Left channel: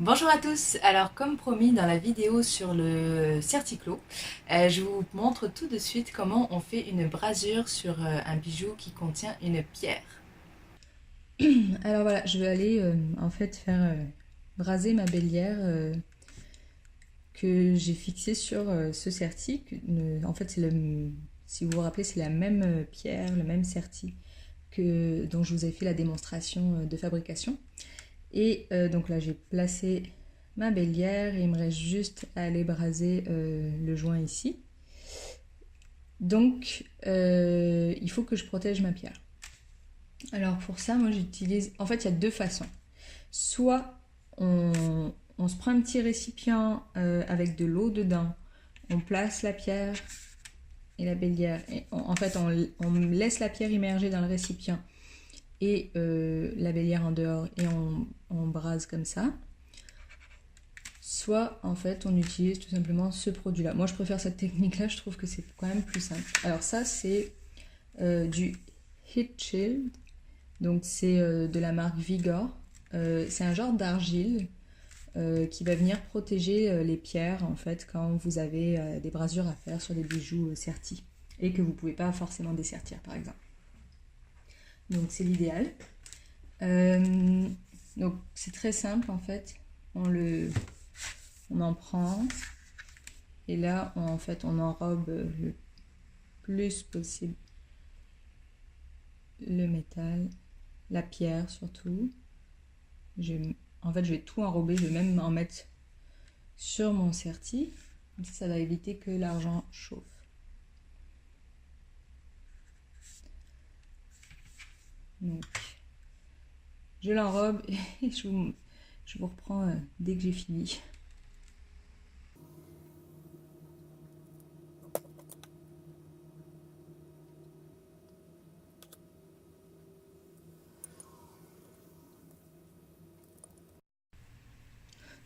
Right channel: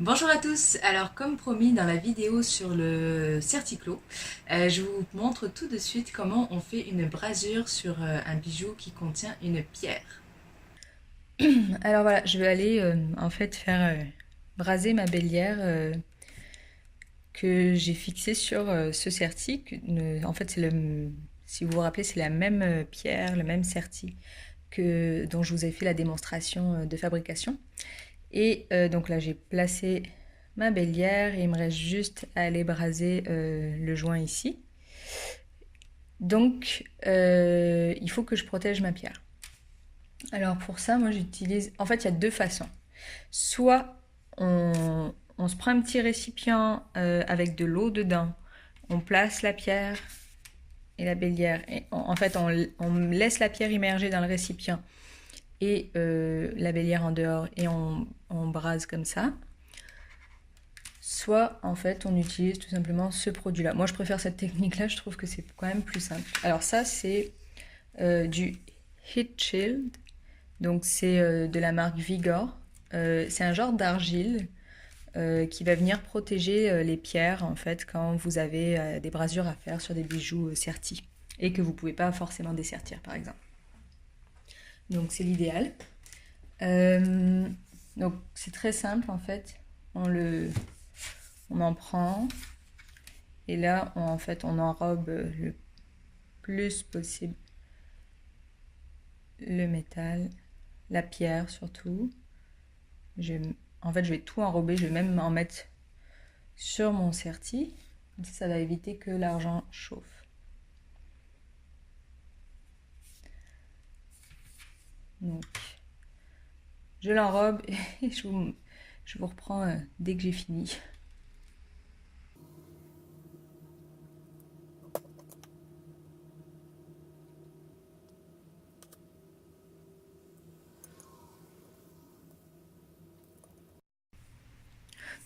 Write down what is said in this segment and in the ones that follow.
Bonjour à tous, alors comme promis dans la vidéo sur le certiclo, je vous montre tout de suite comment on fait une brasure sur un bijou qui contient une pierre. Alors voilà, je vais aller en fait faire braser ma bélière que j'ai fixée sur ce certi. En fait, si vous vous rappelez, c'est la même pierre, le même certi dont je vous ai fait la démonstration de fabrication. Et donc là, j'ai placé ma bélière et il me reste juste à aller braser le joint ici. Donc, il faut que je protège ma pierre. Alors pour ça, moi j'utilise... En fait, il y a deux façons. Soit on se prend un petit récipient avec de l'eau dedans, on place la pierre et la bélière, et en fait on laisse la pierre immergée dans le récipient et la bélière en dehors et on brase comme ça. Soit en fait on utilise tout simplement ce produit là. Moi je préfère cette technique là, je trouve que c'est quand même plus simple. Alors ça c'est du Heat Shield, donc c'est de la marque Vigor. C'est un genre d'argile qui va venir protéger les pierres en fait quand vous avez des brasures à faire sur des bijoux sertis et que vous ne pouvez pas forcément dessertir par exemple. Donc c'est l'idéal. Donc c'est très simple en fait. On en prend et là en fait on enrobe le plus possible le métal, la pierre surtout. En fait je vais tout enrober, je vais même en mettre sur mon serti. Comme ça va éviter que l'argent chauffe. Donc je l'enrobe et je vous reprends dès que j'ai fini.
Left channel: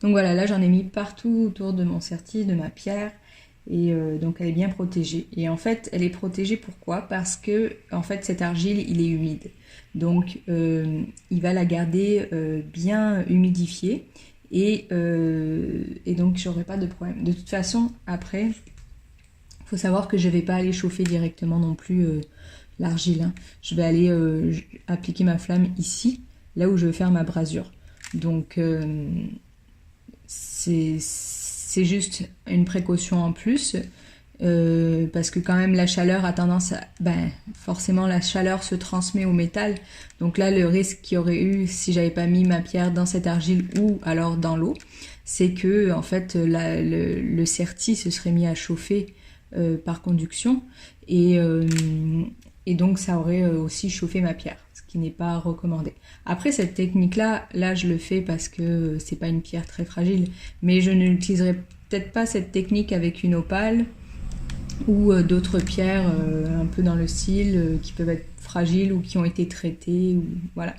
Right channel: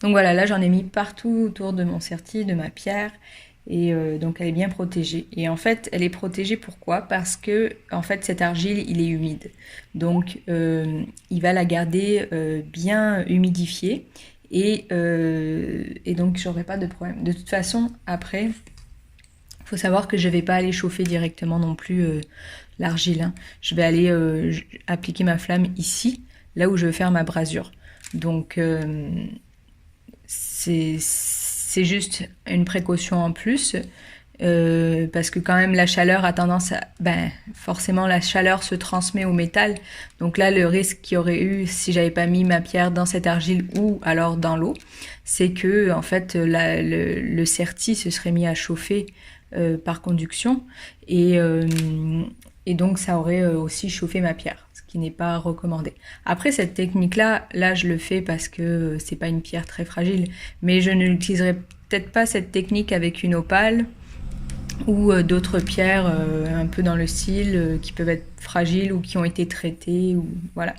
Donc voilà, là j'en ai mis partout autour de mon certi, de ma pierre, et donc elle est bien protégée. Et en fait, elle est protégée pourquoi? Parce que en fait cette argile, il est humide, donc il va la garder bien humidifiée, et donc j'aurai pas de problème. De toute façon, après, il faut savoir que je vais pas aller chauffer directement non plus l'argile, hein. Je vais aller appliquer ma flamme ici, là où je vais faire ma brasure. Donc c'est juste une précaution en plus parce que quand même la chaleur a tendance à... Ben, forcément la chaleur se transmet au métal. Donc là le risque qu'il y aurait eu si j'avais pas mis ma pierre dans cette argile ou alors dans l'eau, c'est que en fait le certi se serait mis à chauffer par conduction et, et donc ça aurait aussi chauffé ma pierre, ce qui n'est pas recommandé. Après cette technique là je le fais parce que c'est pas une pierre très fragile, mais je ne l'utiliserai peut-être pas cette technique avec une opale ou d'autres pierres un peu dans le style qui peuvent être fragiles ou qui ont été traitées ou voilà.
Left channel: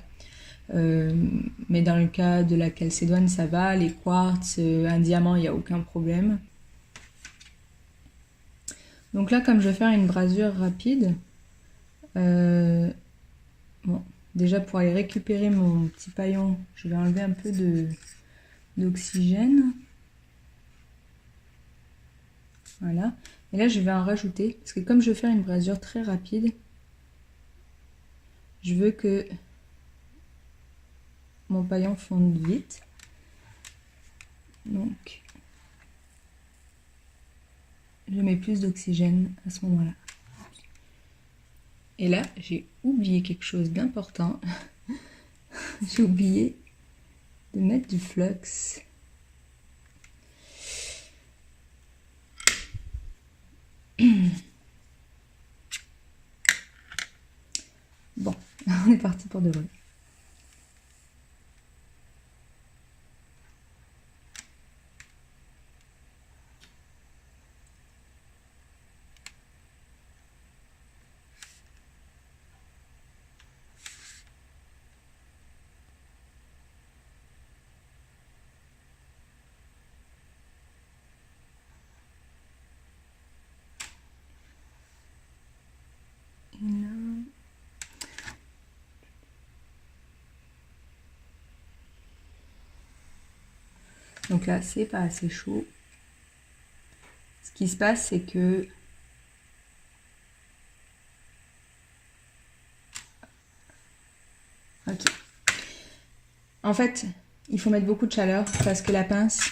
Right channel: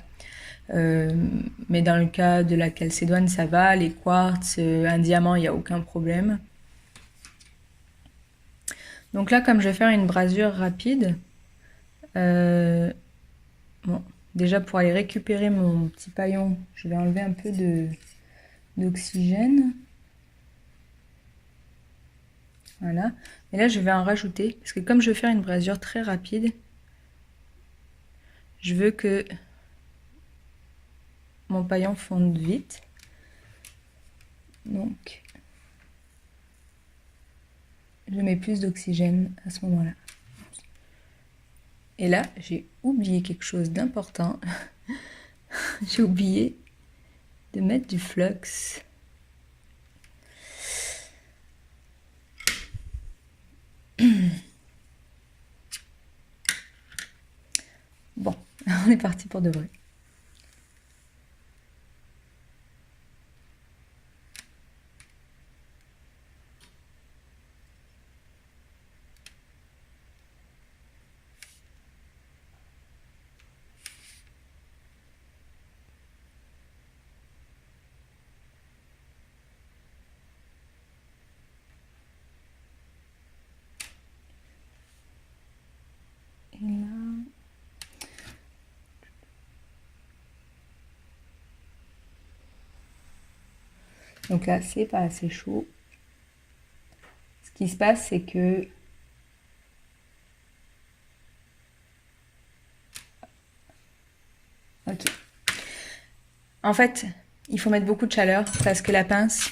Mais dans le cas de la calcédoine ça va, les quartz, un diamant il n'y a aucun problème. Donc là comme je vais faire une brasure rapide, bon, déjà pour aller récupérer mon petit paillon, je vais enlever un peu d'oxygène. Voilà. Et là je vais en rajouter, parce que comme je vais faire une brasure très rapide, je veux que mon paillon fonde vite. Donc je mets plus d'oxygène à ce moment-là. Et là, j'ai oublié quelque chose d'important. J'ai oublié de mettre du flux. Bon, on est parti pour de vrai. Et là... Donc là, c'est pas assez chaud. Ce qui se passe, c'est que ok. En fait, il faut mettre beaucoup de chaleur parce que la pince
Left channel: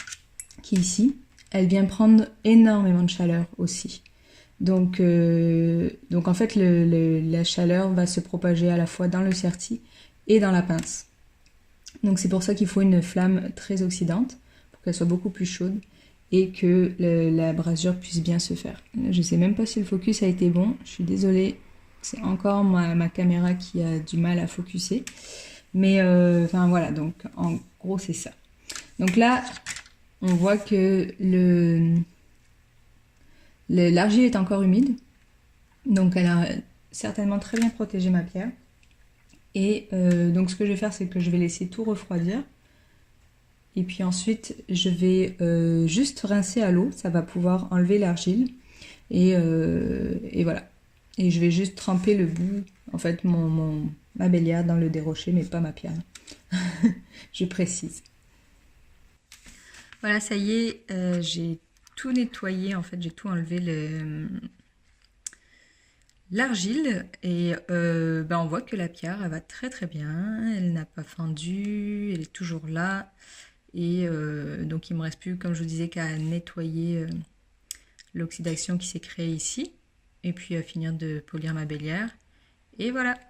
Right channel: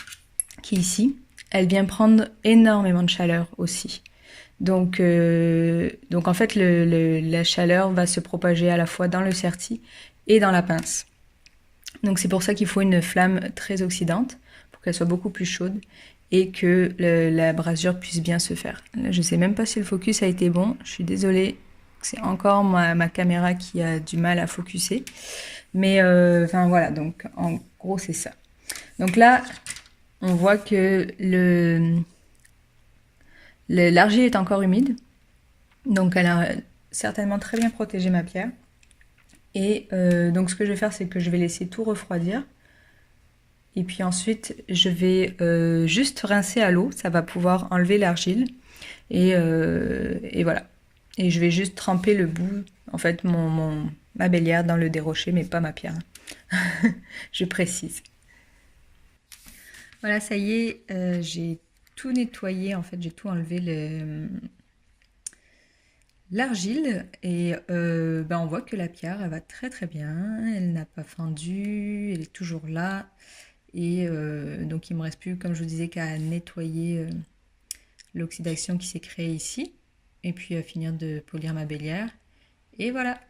qui est ici, elle vient prendre énormément de chaleur aussi. Donc en fait, la chaleur va se propager à la fois dans le certi et dans la pince. Donc c'est pour ça qu'il faut une flamme très oxydante pour qu'elle soit beaucoup plus chaude et que la brasure puisse bien se faire. Là, je ne sais même pas si le focus a été bon. Je suis désolée, c'est encore ma caméra qui a du mal à focuser. Mais enfin voilà, donc en gros c'est ça. Donc là, on voit que l'argile est encore humide. Donc elle a certainement très bien protégé ma pierre. Et donc ce que je vais faire, c'est que je vais laisser tout refroidir. Et puis ensuite, je vais juste rincer à l'eau. Ça va pouvoir enlever l'argile. Et voilà. Et je vais juste tremper le bout, en fait, ma bélière dans le dérocher, mais pas ma pierre. Je précise. Voilà, ça y est, j'ai tout nettoyé. En fait, j'ai tout enlevé l'argile et on voit que la pierre elle va très très bien, elle n'a pas fendu, elle est toujours là et donc il me reste plus, comme je vous disais, qu'à nettoyer l'oxydation qui s'est créée ici et puis à finir de polir ma bélière et voilà.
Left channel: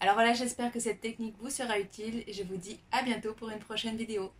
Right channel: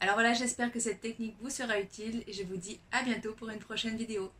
Alors voilà, j'espère que cette technique vous sera utile et je vous dis à bientôt pour une prochaine vidéo.